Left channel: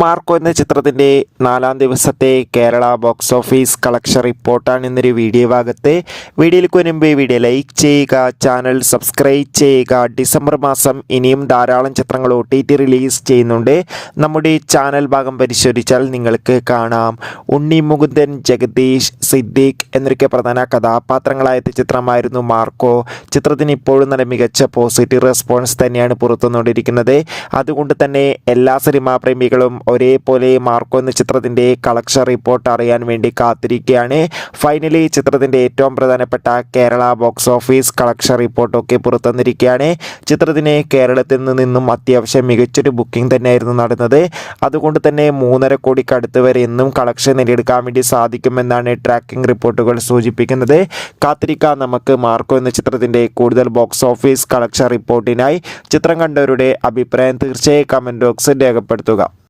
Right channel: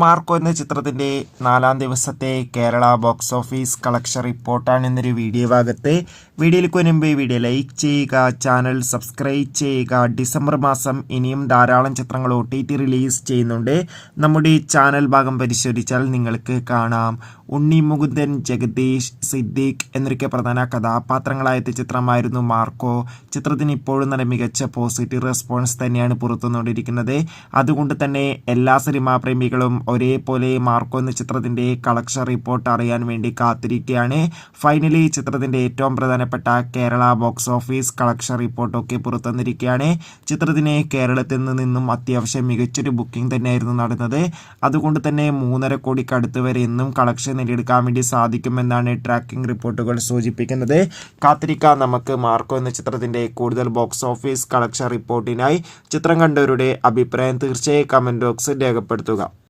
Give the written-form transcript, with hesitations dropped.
Marco എന്ന ചിത്രത്തിൻ്റെ 4-ാം ദിവസത്തെ കേരള ബോക്സ് ഓഫീസ് കളക്ഷൻ റിപ്പോർട്ടാണ് ഇന്നൊരു വീഡിയോ ഭാഗത്ത്. വീഡിയോയിലേക്ക് വരുമ്പോൾ വീഡിയോ ലൈക്ക് ചെയ്യുക, ചാനൽ സബ്സ്ക്രൈബ് ചെയ്യുക. ഡിസംബർ മാസം ഇനിയും ധാരാളം ചിത്രങ്ങൾ OTT റിലീസ് ചെയ്യുന്നുണ്ട്. നമ്മുടെ ചാനൽ ഭാഗം പരിശോധിച്ചാൽ നിങ്ങൾക്ക് കാണാം. ഉണ്ണി മുകുന്ദൻ, ജഗദീഷ്, സിദ്ദീഖ് എന്നൊക്കെ പ്രധാന കഥാപാത്രങ്ങളായ ചിത്രമായിരുന്നു മാർക്കോ. ചിത്രത്തിന് ഇപ്പോഴും നല്ല മികച്ച പോസിറ്റീവ് റെസ്പോൺസ് തന്നെയാണ് പുറത്തുവന്നുകൊണ്ടിരിക്കുന്നത്. അതുകൊണ്ട് തന്നെ എല്ലാ സിനിമാ പ്രേമികളും ഒരേപോലെ മാർക്കോ എന്ന ചിത്രത്തിൻ്റെ കളക്ഷൻ റിപ്പോർട്ട് അറിയാൻ വേണ്ടി കാത്തിരിക്കുകയാണ്. ഫൈനലി ചിത്രത്തിൻ്റെ ഏറ്റവും പ്രധാനപ്പെട്ട കേരള ബോക്സ് ഓഫീസ് കളക്ഷൻ റിപ്പോർട്ടൊക്കെ പുറത്തുവന്നിരിക്കുകയാണ്. ചിത്രത്തിന് കേരളത്തിൽ നിന്നും അത്യാവശ്യം മികച്ചൊരു ബുക്കിംഗ് തന്നെയായിരുന്നു നടന്നത്. അതുകൊണ്ട് തന്നെ 3.5 കോടിക്ക് അടുത്ത് വരെ എന്നും കളക്ഷൻ നേടിയെടുക്കാൻ വേണ്ടി സാധിക്കുമെന്നാണ് ട്രാക്കിംഗ് റിപ്പോർട്ടുകൾ സൂചിപ്പിക്കുന്നത്. കാത്തിരിക്കാം നമുക്ക് മാർക്കോ എന്ന ചിത്രത്തിൻ്റെ കൂടുതൽ ബോക്സ് ഓഫീസ് കളക്ഷൻ റിപ്പോർട്ടിനായി. ചിത്രം കണ്ടവരുടെ അഭിപ്രായം തീർച്ചയായും കമൻറ്റ് ബോക്സിൽ രേഖപ്പെടുത്തുക.